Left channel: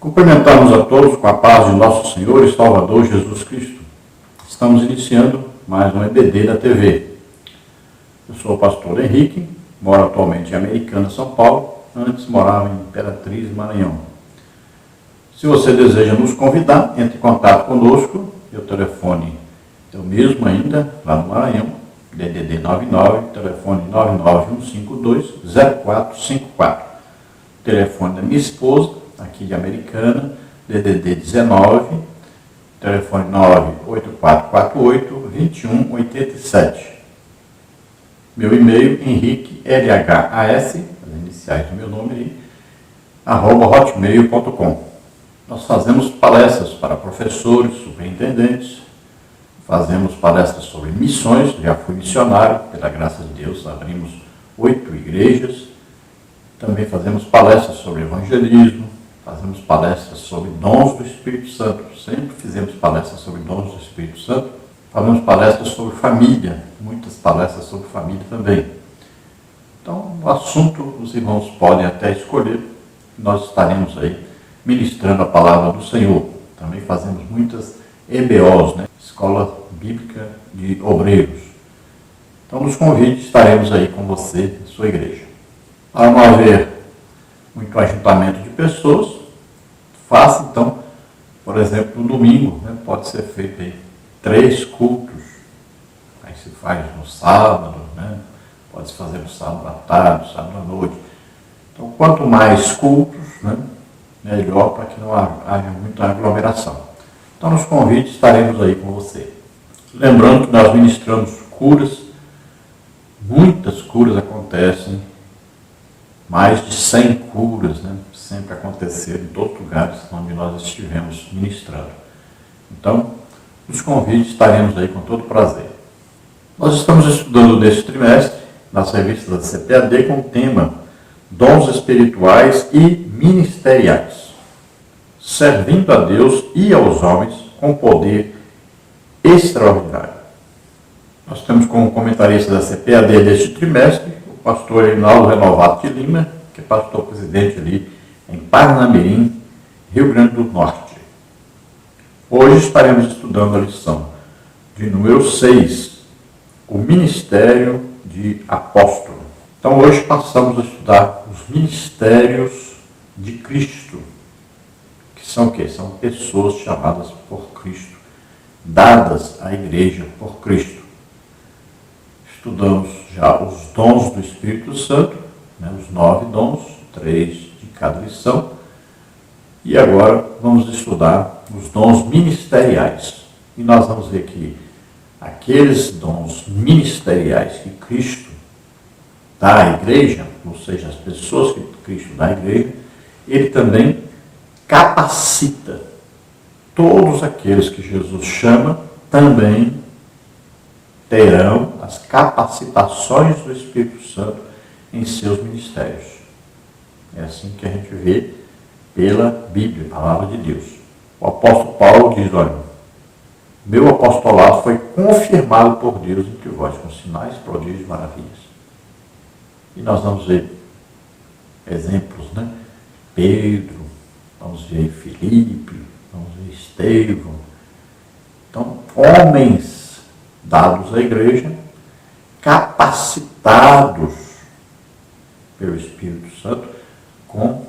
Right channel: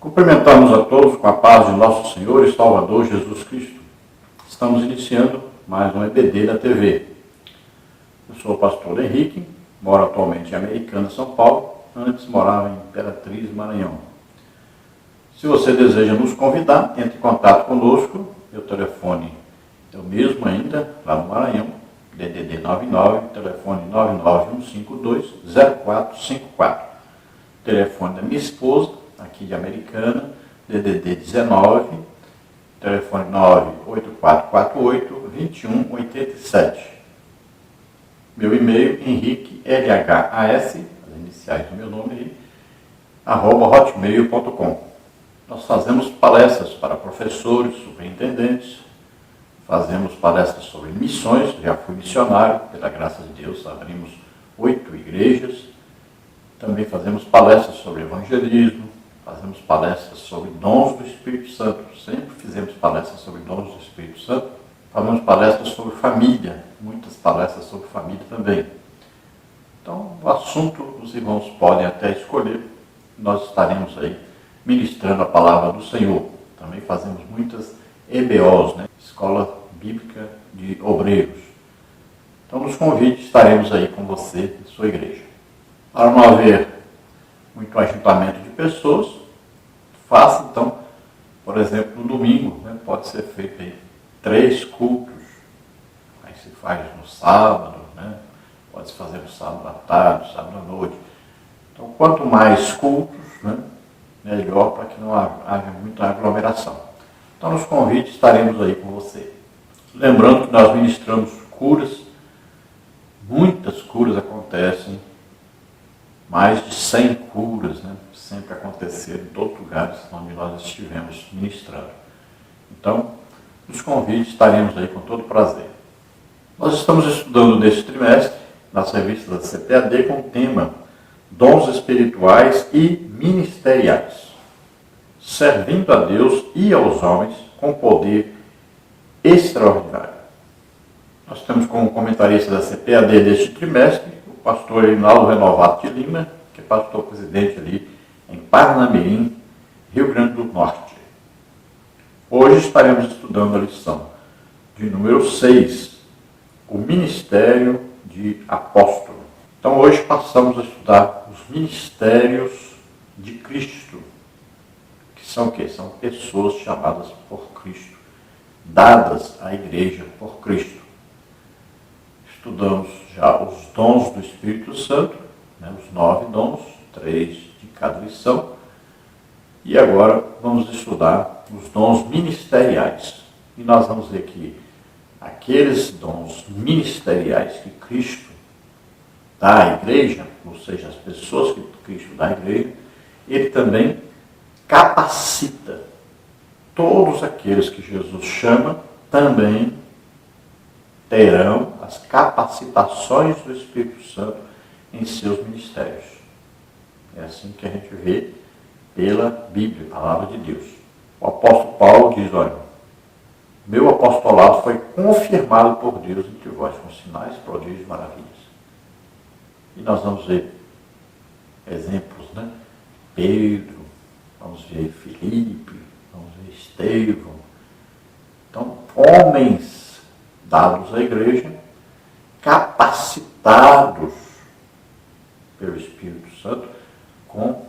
Cumprimentamos a todos com a paz de nosso Senhor e Salvador Jesus Cristo. Estamos iniciando mais um EBD da TV. Eu sou o pastor Henrique, moro atualmente em Americana, São Paulo. Antes morava em Imperatriz, Maranhão. Se você deseja nos convidar, entre em contato conosco. Meu telefone é o mesmo ainda, lá no Maranhão, DDD 99, telefone 99152-0454. Telefone da minha esposa, aqui de Americana, DDD 19, telefone 98448-2187. Meu e-mail, Henrique, LHAS, as iniciais do meu nome aí, @hotmail.com. Nós fazemos palestras para professores, superintendentes, fazemos palestras sobre missões, já fui missionário, pela graça de Deus, abrimos 8 igrejas. Também fazemos palestras sobre evangelismo, fazemos palestras sobre dons do Espírito Santo, sempre fizemos palestras sobre dons do Espírito Santo, fazemos palestras sobre família, muitas palestras sobre família também. Então, o assunto os irmãos podem até escolher, nós estaremos aí ministrando a palavra do Senhor. Também fazemos muitas EBOs, Escola Bíblica de Obreiros. Então, nos convide, estaremos aí com você em sua igreja. Para não haver muito ajuntamento de pessoas, faça então, por exemplo, no domingo, pode ser feito aí 3 cultos. Aí se faz no sábado, pode se fazer no sábado à tarde, no sábado à noite. Então, quanto mais cultos, melhor, para que não haja muita aglomeração. Então, nos convide, estaremos aí com você. Lembrando que nós ministramos curas, muitas curas acontecem, mais de 100 curas, sempre aconteceram em todos os lugares onde nós estivemos ministrando. Então, nos convide, estaremos aí com todo prazer. Nós estamos estudando neste trimestre, nas revistas da CPAD, com o tema Dons Espirituais e Ministeriais, servindo a Deus e aos homens com poder extraordinário. Nós temos como comentarista da CPAD deste trimestre o pastor Reinaldo Renovato de Lima, que é pastor presidente ali em Parnamirim, Rio Grande do Norte. Hoje estaremos estudando a lição de número 6, o Ministério de Apóstolo. Então hoje passamos a estudar os ministérios de Cristo, que são o quê? São pessoas chamadas por Cristo, dadas à igreja por Cristo. Estudamos já os dons do Espírito Santo, os 9 dons, 3 de cada lição. E agora vamos estudar os dons ministeriais. E nós vamos ver que aqueles dons ministeriais que Cristo dá à igreja, ou seja, as pessoas que Cristo dá à igreja, ele também capacita. Todos aqueles que Jesus chama também terão as capacitações do Espírito Santo em seus ministérios. É assim que a gente vê pela Bíblia, a palavra de Deus. O apóstolo Paulo diz, olha, meu apostolado foi confirmado por Deus entre vós, com sinais, prodígios e maravilhas. E nós vamos ver exemplos, Pedro, vamos ver Filipe, vamos ver Estevão. Então, homens dados à igreja, capacitados pelo Espírito Santo com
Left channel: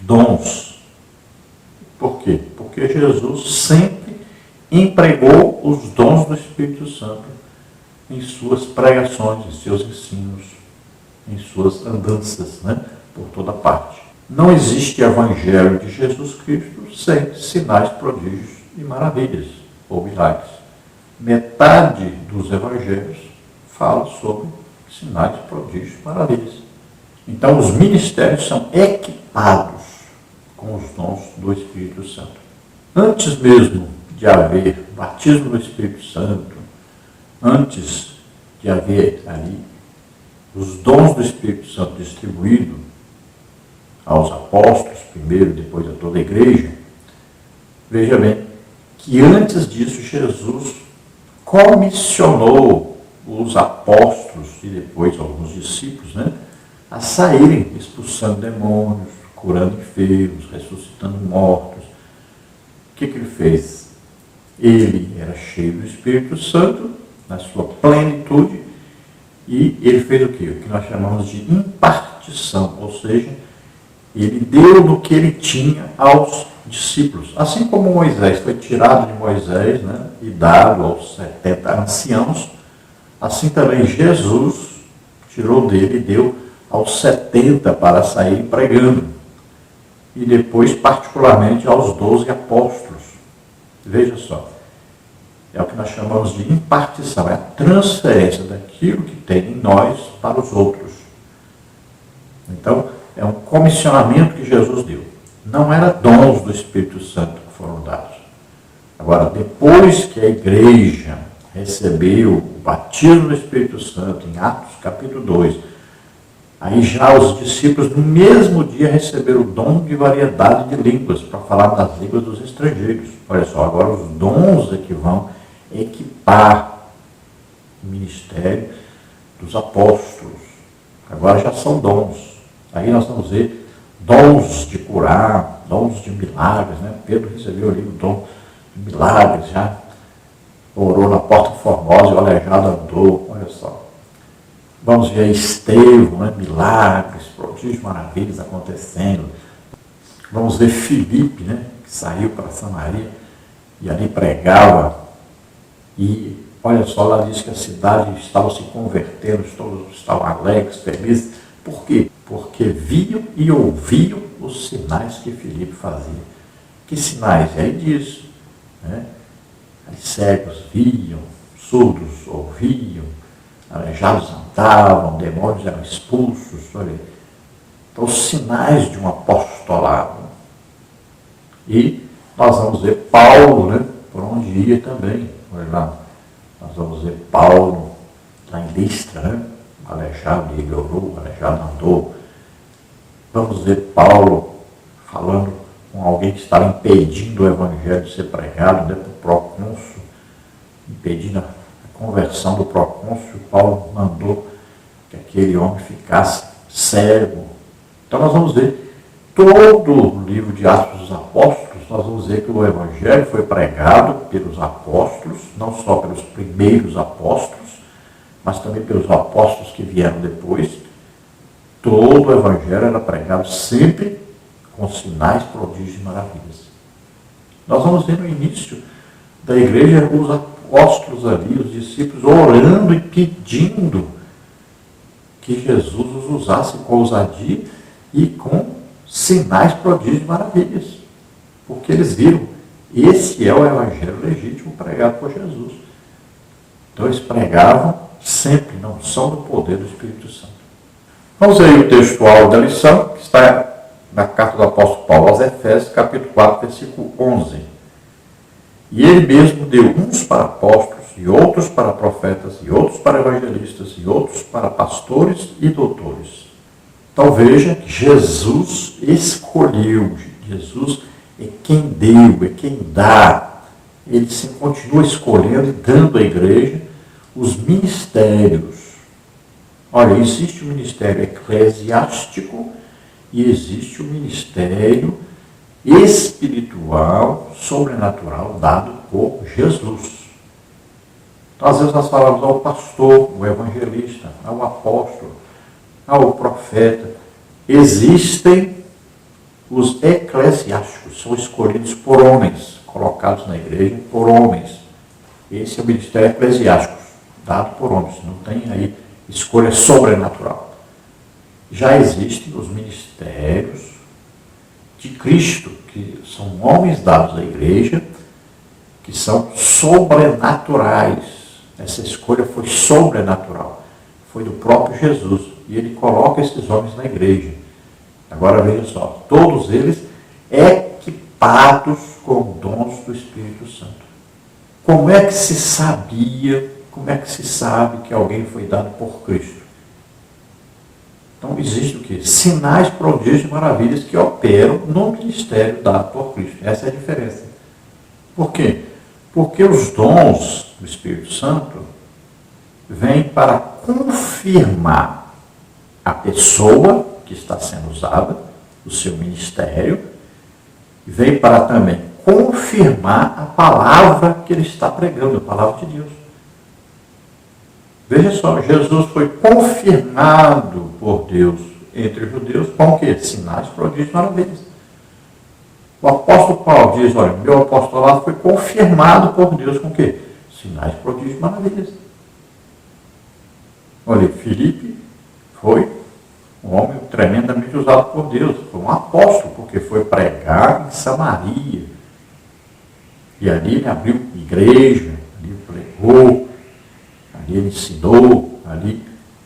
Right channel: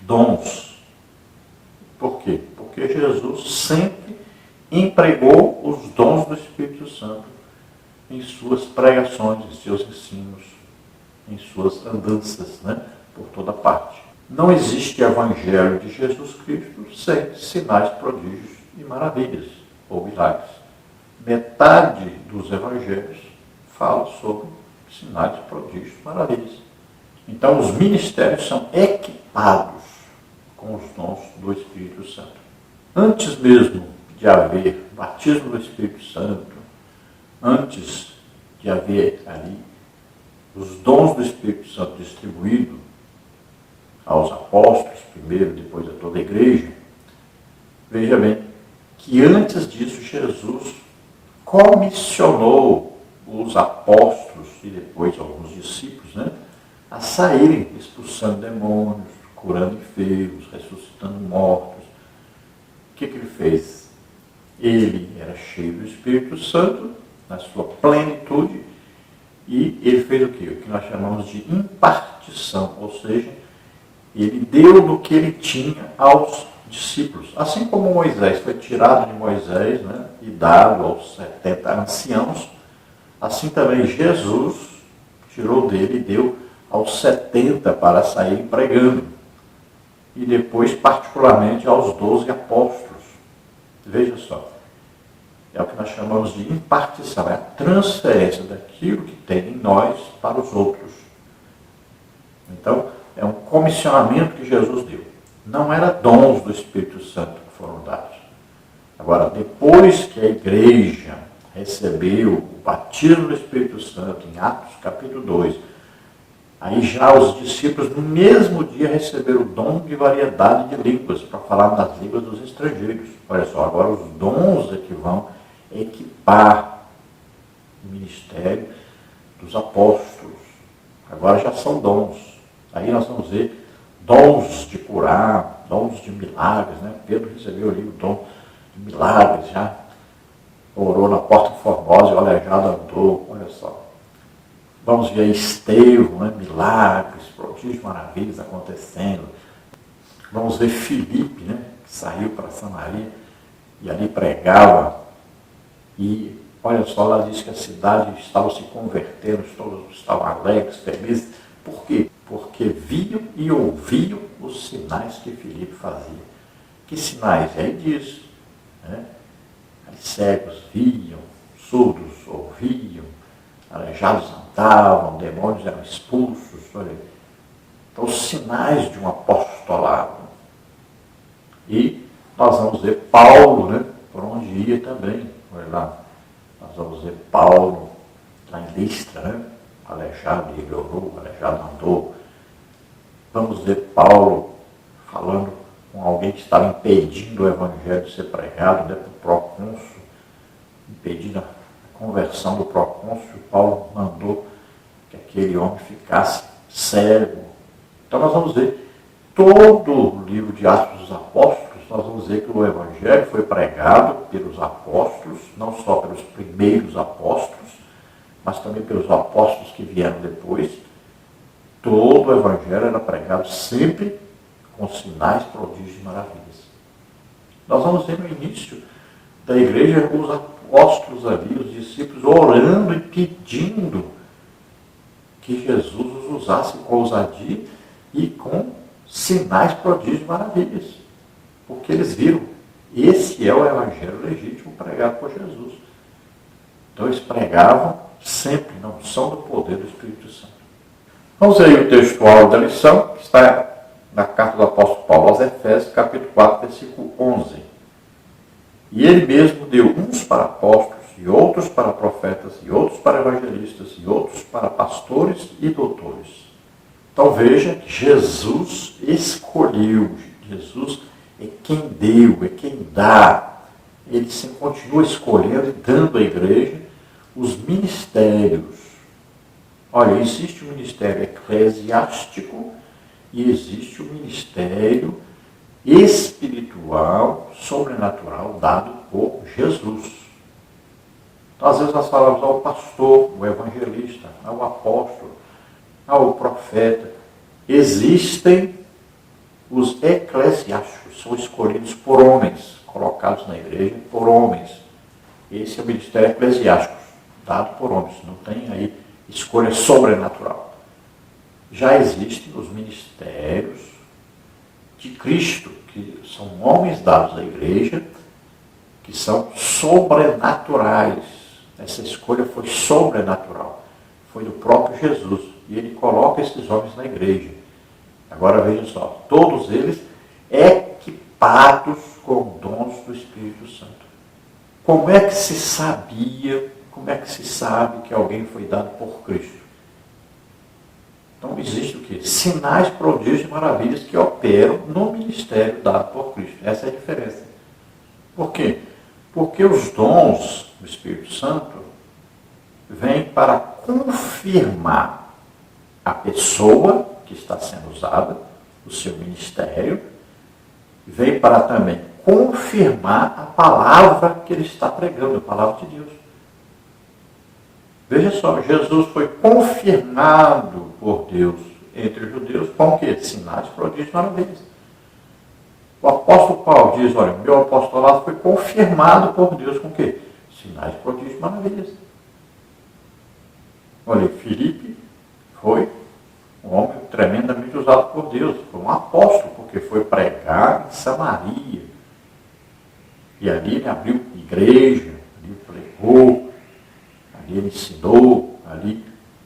dons. Por quê? Porque Jesus sempre empregou os dons do Espírito Santo em suas pregações, em seus ensinos, em suas andanças, por toda parte. Não existe evangelho de Jesus Cristo sem sinais, prodígios e maravilhas, ou milagres. Metade dos evangelhos fala sobre sinais, prodígios e maravilhas. Então, os ministérios são equipados com os dons do Espírito Santo. Antes mesmo de haver batismo do Espírito Santo, antes de haver ali os dons do Espírito Santo distribuídos aos apóstolos, primeiro, depois a toda a igreja, veja bem que antes disso Jesus comissionou os apóstolos e depois alguns discípulos, a saírem expulsando demônios, curando enfermos, ressuscitando mortos. O que ele fez? Ele era cheio do Espírito Santo, na sua plenitude, e ele fez o quê? O que nós chamamos de impartição, ou seja, ele deu do que ele tinha aos discípulos. Assim como Moisés foi tirado de Moisés, né, e dado aos 70 anciãos, assim também Jesus tirou dele e deu aos 70 para sair pregando. E depois, particularmente, aos 12 apóstolos. Veja só, é o que nós chamamos de impartição, é a transferência daquilo que tem em nós para os outros. Então, é um comissionamento que Jesus deu. Não era dons do Espírito Santo que foram dados. Agora, depois que a igreja recebeu o batismo do Espírito Santo, em Atos capítulo 2, aí já os discípulos no mesmo dia receberam o dom de variedade de línguas, para falar nas línguas dos estrangeiros. Olha só, agora os dons é que vão equipar o ministério dos apóstolos. Agora já são dons. Aí nós vamos ver dons de curar, dons de milagres, né? Pedro recebeu ali o dom de milagres, já orou na Porta Formosa e o aleijado andou, olha só. Vamos ver Estevão, né? Milagres, prodígios, maravilhas acontecendo. Vamos ver Filipe, né? Que saiu para Samaria e ali pregava. E olha só, lá diz que a cidade estava se convertendo, todos estavam alegres, felizes. Por quê? Porque viam e ouviam os sinais que Filipe fazia. Que sinais? E aí diz, né? Os cegos viam, surdos ouviam, aleijados andavam, demônios eram expulsos. Olha. Então, os sinais de um apostolado. E nós vamos ver Paulo, né? Por onde ia também. Olha lá, nós vamos ver Paulo lá em Listra, né? Aleijado, ele orou, aleijado andou. Vamos ver Paulo falando com alguém que estava impedindo o evangelho de ser pregado, né, para o procônsul, impedindo a conversão do procônsul. Paulo mandou que aquele homem ficasse cego. Então nós vamos ver todo o livro de Atos dos Apóstolos, nós vamos ver que o evangelho foi pregado pelos apóstolos, não só pelos primeiros apóstolos, mas também pelos apóstolos que vieram depois. Todo o evangelho era pregado sempre com sinais, prodígios e maravilhas. Nós vamos ver no início da igreja os apóstolos ali, os discípulos, orando e pedindo que Jesus os usasse com ousadia e com sinais, prodígios e maravilhas. Porque eles viram, esse é o evangelho legítimo pregado por Jesus. Então eles pregavam sempre na unção do poder do Espírito Santo. Vamos aí o textual da lição, que está na carta do apóstolo Paulo aos Efésios, capítulo 4, versículo 11. E ele mesmo deu uns para apóstolos, e outros para profetas, e outros para evangelistas, e outros para pastores e doutores. Então veja que Jesus escolheu, Jesus é quem deu, é quem dá. Ele se continua escolhendo e dando à igreja os ministérios. Olha, existe o ministério eclesiástico e existe o ministério espiritual, sobrenatural, dado por Jesus. Então, às vezes nós falamos ao pastor, ao evangelista, ao apóstolo, ao profeta. Existem os eclesiásticos, são escolhidos por homens, colocados na igreja por homens. Esse é o ministério eclesiástico, dado por homens, não tem aí escolha sobrenatural. Já existem os ministérios de Cristo, que são homens dados à igreja, que são sobrenaturais. Essa escolha foi sobrenatural, foi do próprio Jesus, e ele coloca esses homens na igreja. Agora veja só, todos eles equipados com dons do Espírito Santo. Como é que se sabia, como é que se sabe que alguém foi dado por Cristo? Então existe o quê? Sinais, prodígios e maravilhas que operam no ministério dado por Cristo. Essa é a diferença. Por quê? Porque os dons do Espírito Santo vêm para confirmar a pessoa que está sendo usada o seu ministério, veio para também confirmar a palavra que ele está pregando, a palavra de Deus. Veja só, Jesus foi confirmado por Deus entre os judeus com o quê? Sinais, prodígios e maravilhas. O apóstolo Paulo diz, olha, meu apostolado foi confirmado por Deus com o quê? Sinais, prodígios e maravilhas. Olha, Filipe foi um homem tremendamente usado por Deus, foi um apóstolo, porque foi pregar em Samaria. E ali ele abriu igreja, ali pregou, ali ele ensinou, ali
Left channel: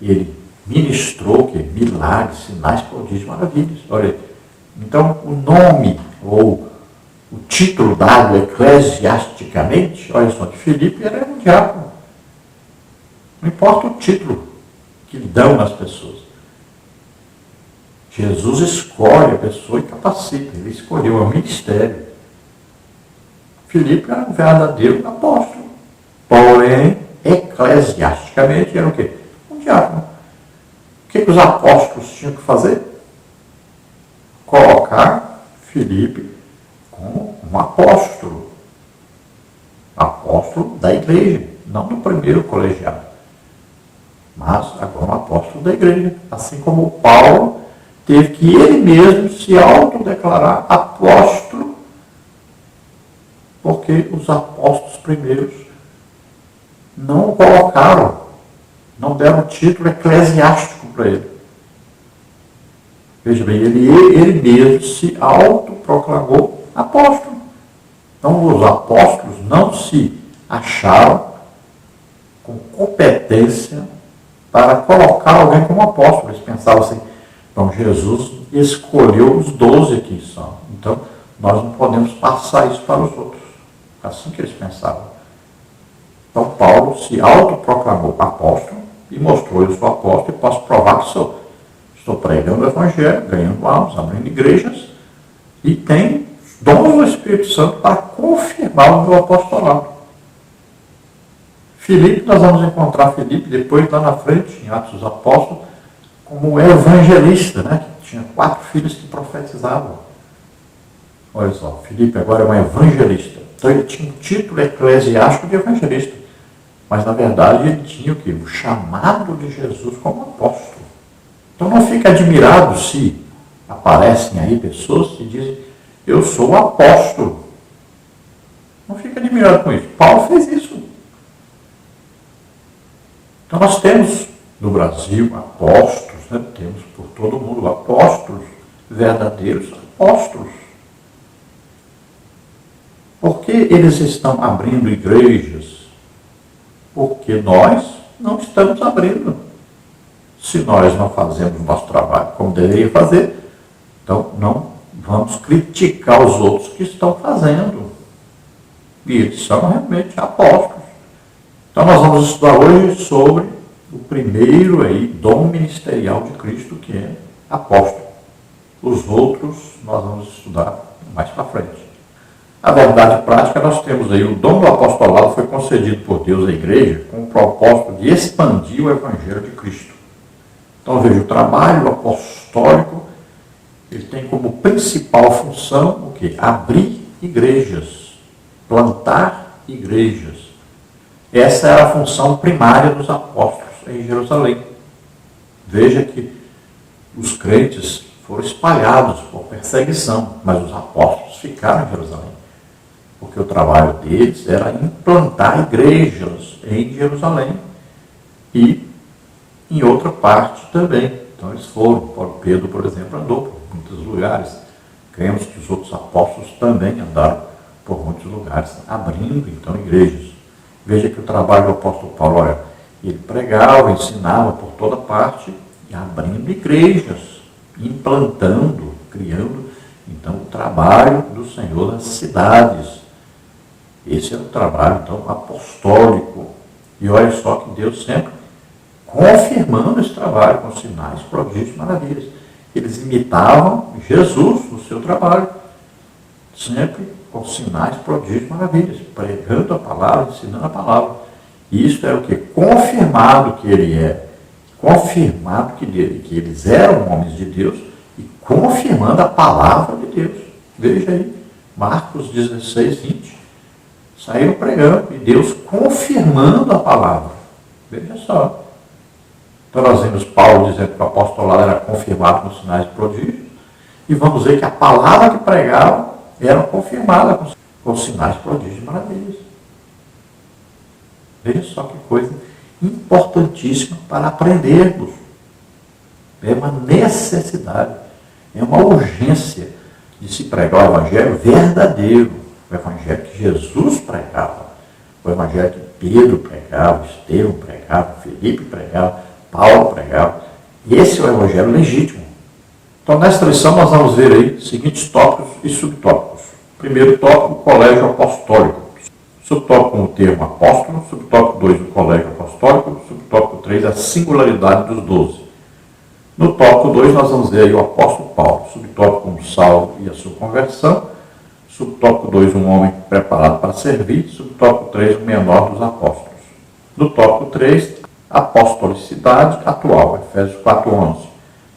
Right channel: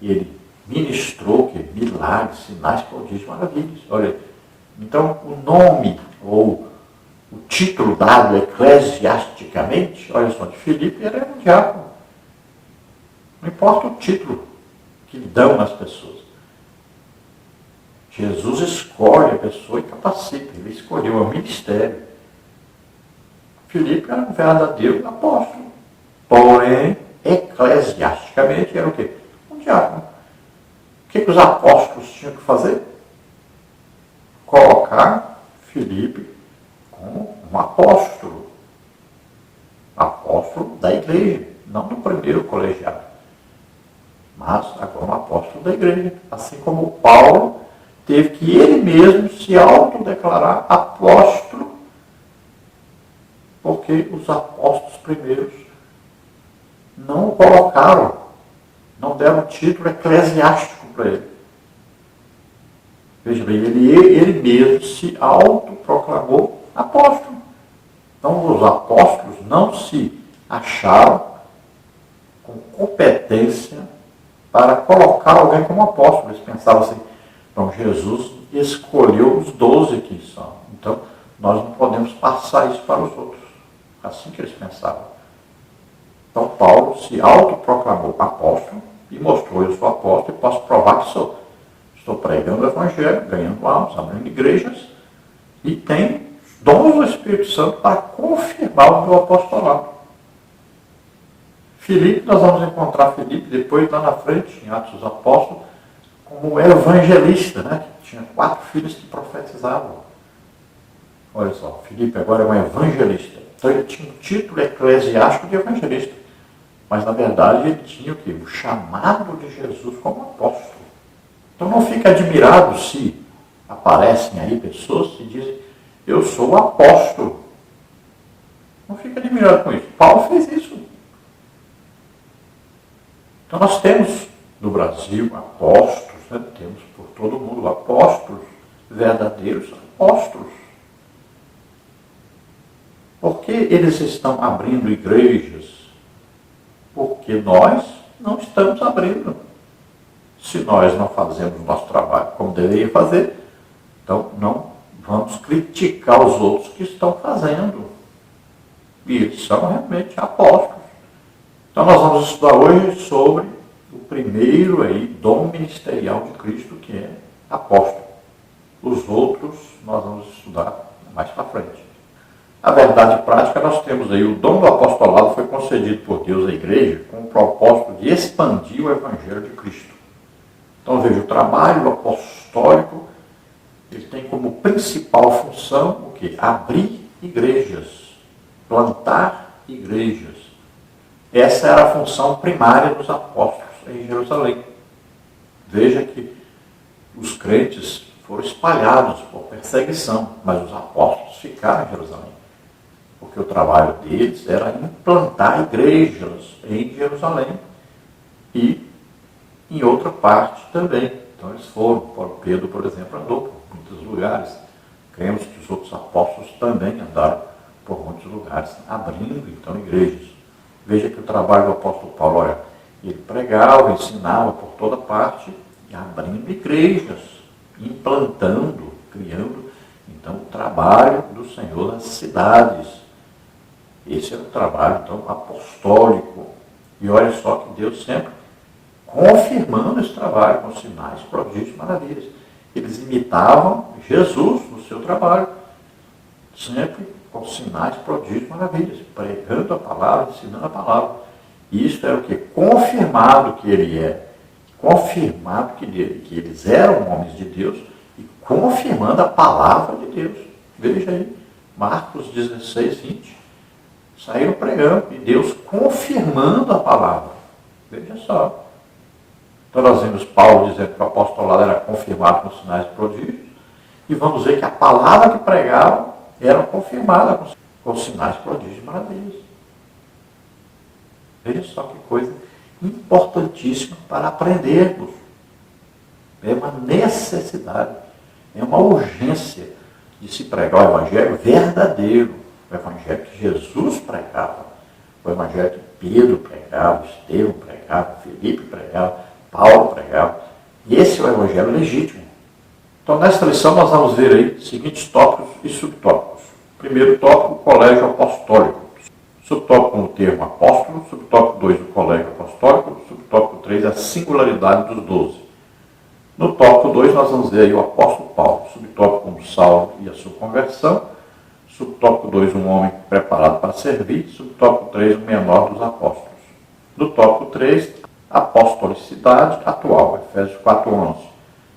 ele ministrou que milagres, sinais, prodígios, maravilhas. Olha, então o nome ou o título dado eclesiasticamente, olha só, de Filipe era um diácono. Não importa o título que lhe dão as pessoas. Jesus escolhe a pessoa e capacita. Ele escolheu o ministério. Filipe era um verdadeiro apóstolo. Porém, eclesiasticamente, era o quê? Um diácono. O que os apóstolos tinham que fazer? Colocar Filipe como um apóstolo. Apóstolo da igreja, não do primeiro colegiado. Mas agora um apóstolo da igreja. Assim como Paulo teve que ele mesmo se autodeclarar apóstolo, porque os apóstolos primeiros não o colocaram, não deram título eclesiástico para ele. Veja bem, ele mesmo se autoproclamou apóstolo. Então os apóstolos não se acharam com competência para colocar alguém como apóstolo. Eles pensavam assim, então Jesus escolheu os 12 aqui só. Então nós não podemos passar isso para os outros. Assim que eles pensavam. Então Paulo se autoproclamou apóstolo e mostrou, eu sou apóstolo e posso provar que sou. Estou pregando o Evangelho, ganhando almas, abrindo igrejas e tem dons do Espírito Santo para confirmar o meu apostolado. Filipe, nós vamos encontrar Filipe depois lá na frente, em Atos dos Apóstolos, como evangelista, né? Que tinha 4 filhos que profetizavam. Olha só, Filipe agora é um evangelista. Então ele tinha um título eclesiástico de evangelista. Mas na verdade ele tinha o quê? O chamado de Jesus como apóstolo. Então não fique admirado se aparecem aí pessoas que dizem, eu sou o apóstolo. Não fique admirado com isso. Paulo fez isso. Então nós temos no Brasil apóstolos, né? Temos por todo mundo apóstolos, verdadeiros apóstolos. Por que eles estão abrindo igrejas? Porque nós não estamos abrindo. Se nós não fazemos o nosso trabalho como deveria fazer, então não vamos criticar os outros que estão fazendo. E eles são realmente apóstolos. Então nós vamos estudar hoje sobre o primeiro aí, dom ministerial de Cristo, que é apóstolo. Os outros nós vamos estudar mais para frente. A verdade prática, nós temos aí o dom do apostolado foi concedido por Deus à igreja com o propósito de expandir o Evangelho de Cristo. Então veja, o trabalho apostólico, ele tem como principal função o quê? Abrir igrejas, plantar igrejas. Essa era a função primária dos apóstolos em Jerusalém. Veja que os crentes foram espalhados por perseguição, mas os apóstolos ficaram em Jerusalém. Porque o trabalho deles era implantar igrejas em Jerusalém e em outra parte também. Então eles foram, Pedro, por exemplo, andou por muitos lugares. Cremos que os outros apóstolos também andaram por muitos lugares, abrindo então igrejas. Veja que o trabalho do apóstolo Paulo, olha, ele pregava, ensinava por toda parte, e abrindo igrejas, implantando, criando, então, o trabalho do Senhor nas cidades. Esse é o trabalho, então, apostólico. E olha só que Deus sempre confirmando esse trabalho com sinais, prodígios, maravilhas. Eles imitavam Jesus no seu trabalho, sempre com sinais, prodígios, maravilhas, pregando a palavra, ensinando a palavra. E isso era o quê? Confirmado que ele é, confirmado que eles eram homens de Deus e confirmando a palavra de Deus. Veja aí, Marcos 16, 20. Saíram pregando e Deus confirmando a palavra. Veja só. Então nós vimos Paulo dizendo que o apostolado era confirmado com sinais e prodígios. E vamos ver que a palavra que pregava era confirmada com sinais, prodígios e maravilhas. Veja só que coisa importantíssima para aprendermos. É uma necessidade, é uma urgência de se pregar o evangelho verdadeiro, o evangelho que Jesus pregava, o evangelho que Pedro pregava, Estevão pregava, Felipe pregava, Paulo pregava. Esse é o evangelho legítimo. Então, nesta lição, nós vamos ver aí seguintes tópicos e subtópicos. Primeiro tópico, o colégio apostólico. Subtópico 1, o termo apóstolo. Subtópico 2, o colégio apostólico. Subtópico 3, a singularidade dos 12. No tópico 2, nós vamos ver aí o apóstolo Paulo. Subtópico 1, Saulo e a sua conversão. Subtópico 2, um homem preparado para servir. Subtópico 3, o menor dos apóstolos. No tópico 3, apostolicidade atual. Efésios 4:11.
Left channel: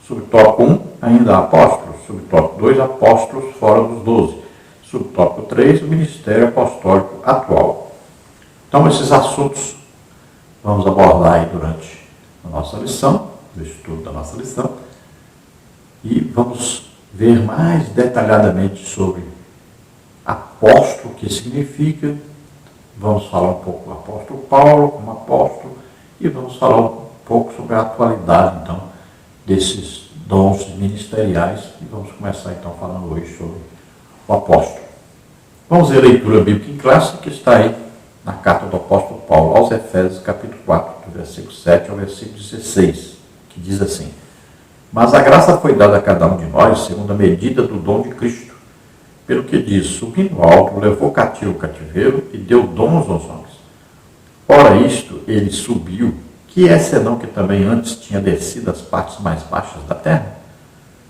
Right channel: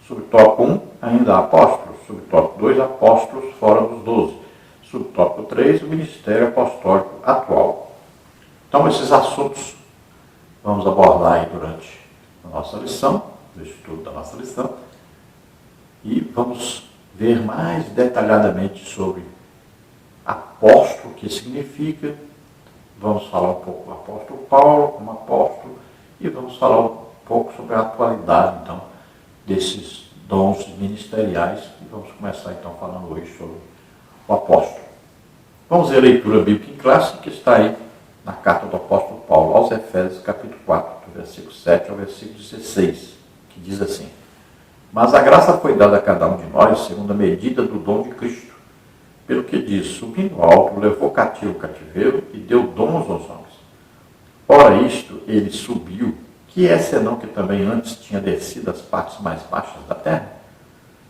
Subtópico 1, ainda apóstolos. Subtópico 2, apóstolos fora dos 12. Subtópico 3, o ministério apostólico atual. Então, esses assuntos vamos abordar aí durante a nossa lição, o estudo da nossa lição, e vamos ver mais detalhadamente sobre apóstolo, o que significa. Vamos falar um pouco do apóstolo Paulo como apóstolo e vamos falar um pouco sobre a atualidade, então, desses dons ministeriais. E vamos começar, então, falando hoje sobre o apóstolo. Vamos ver a leitura bíblica em classe, que está aí na carta do apóstolo Paulo aos Efésios, capítulo 4, do versículo 7 ao versículo 16, que diz assim: Mas a graça foi dada a cada um de nós, segundo a medida do dom de Cristo. Pelo que diz, subindo alto, levou cativo o cativeiro e deu dons aos homens. Ora isto, ele subiu, que é senão que também antes tinha descido às partes mais baixas da terra?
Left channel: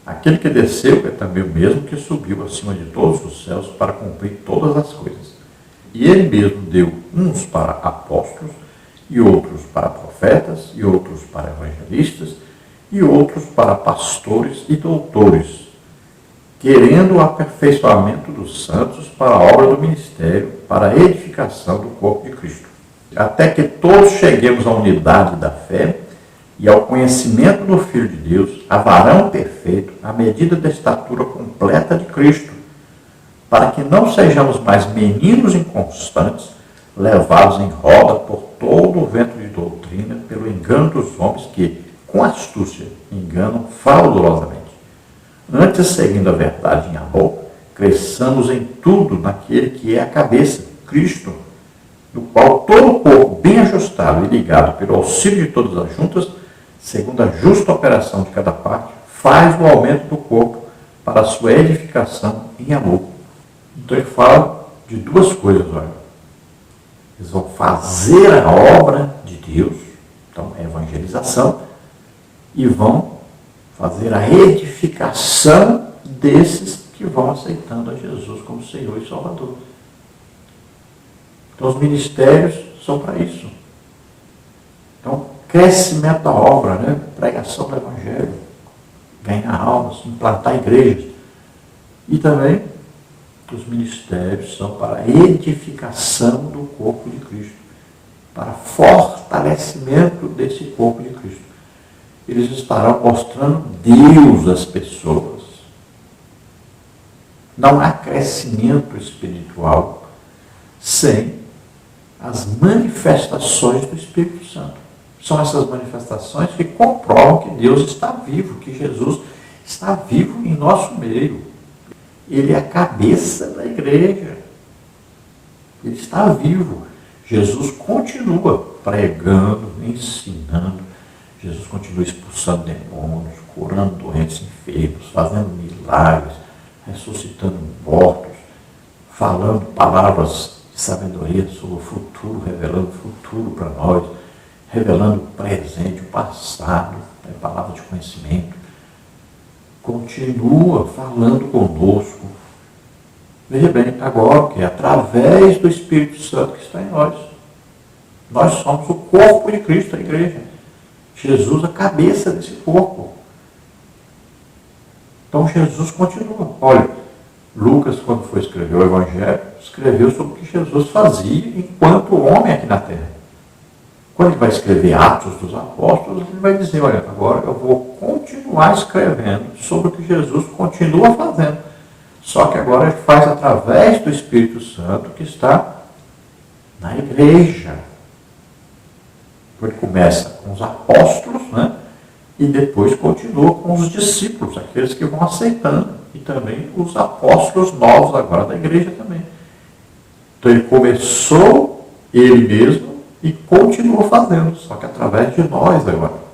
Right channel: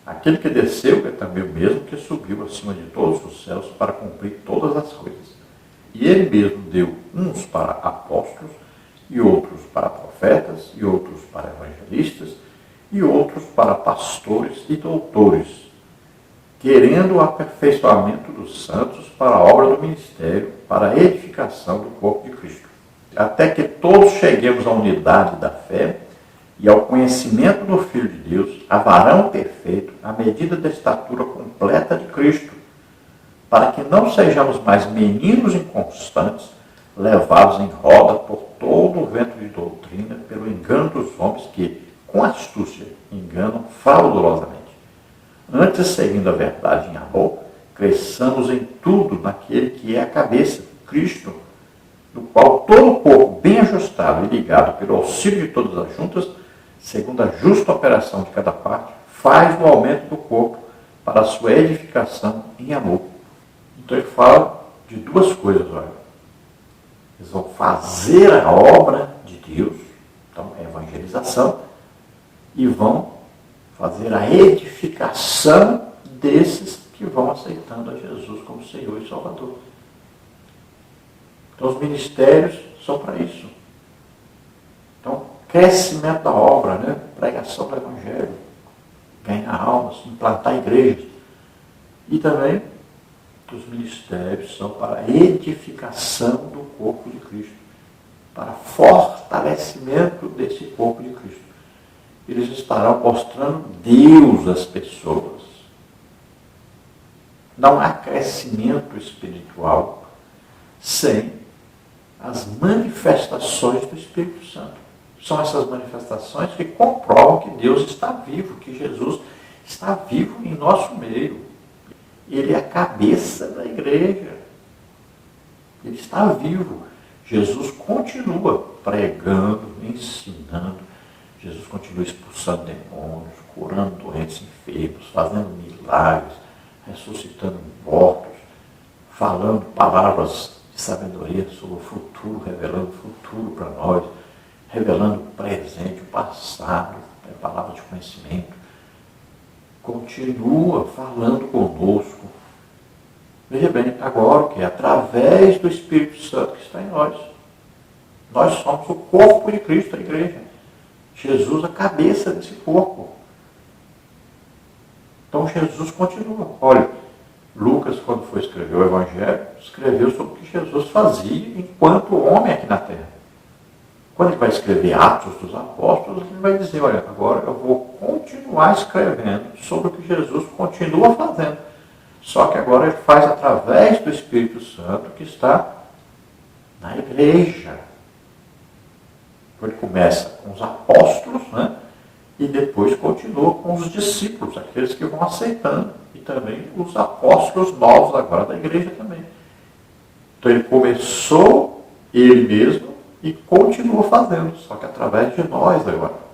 Aquele que desceu é também o mesmo que subiu acima de todos os céus para cumprir todas as coisas. E ele mesmo deu uns para apóstolos, e outros para profetas, e outros para evangelistas, e outros para pastores e doutores, querendo o aperfeiçoamento dos santos para a obra do ministério, para a edificação do corpo de Cristo. Até que todos cheguemos à unidade da fé e ao conhecimento do Filho de Deus, a varão perfeito, à medida da estatura completa de Cristo, para que não sejamos mais meninos inconstantes, levados em roda por todo o vento de doutrina, pelo engano dos homens que, com astúcia, enganam fraudulosamente. Antes, seguindo a verdade em amor, cresçamos em tudo naquele que é a cabeça, Cristo, do qual todo o corpo, bem ajustado e ligado pelo auxílio de todas as juntas, segundo a justa operação de cada parte, faz o aumento do corpo para a sua edificação em amor. Então ele fala de duas coisas, olha. Eles vão fazer a obra de Deus, então é evangelização, e vão fazer a edificação desses que vão aceitando a Jesus como Senhor e Salvador. Então os ministérios são para isso. Então, crescimento da obra, né? Pregação do Evangelho, ganhar almas, implantar igrejas. E também os ministérios são para a edificação do corpo de Cristo, para fortalecimento desse corpo de Cristo. Eles estarão mostrando Deus às pessoas. Não há crescimento espiritual sem as manifestações do Espírito Santo. São essas manifestações que comprovam que Deus está vivo, que Jesus está vivo em nosso meio. Ele é a cabeça da igreja. Ele está vivo. Jesus continua pregando, ensinando. Jesus continua expulsando demônios, curando doentes, enfermos, fazendo milagres, ressuscitando mortos, falando palavras de sabedoria sobre o futuro, revelando o futuro para nós, revelando o presente, o passado, a palavra de conhecimento. Continua falando conosco. Veja bem, agora que é através do Espírito Santo que está em nós. Nós somos o corpo de Cristo, a igreja. Jesus, a cabeça desse corpo. Então Jesus continua. Olha, Lucas, quando foi escrever o Evangelho, escreveu sobre o que Jesus fazia enquanto homem aqui na Terra. Quando ele vai escrever Atos dos Apóstolos, ele vai dizer, olha, agora eu vou continuar escrevendo sobre o que Jesus continua fazendo. Só que agora ele faz através do Espírito Santo que está na igreja. Ele começa com os apóstolos, né? E depois continua com os discípulos, aqueles que vão aceitando. E também os apóstolos novos agora da igreja também. Então ele começou ele mesmo e continua fazendo, só que através de nós agora.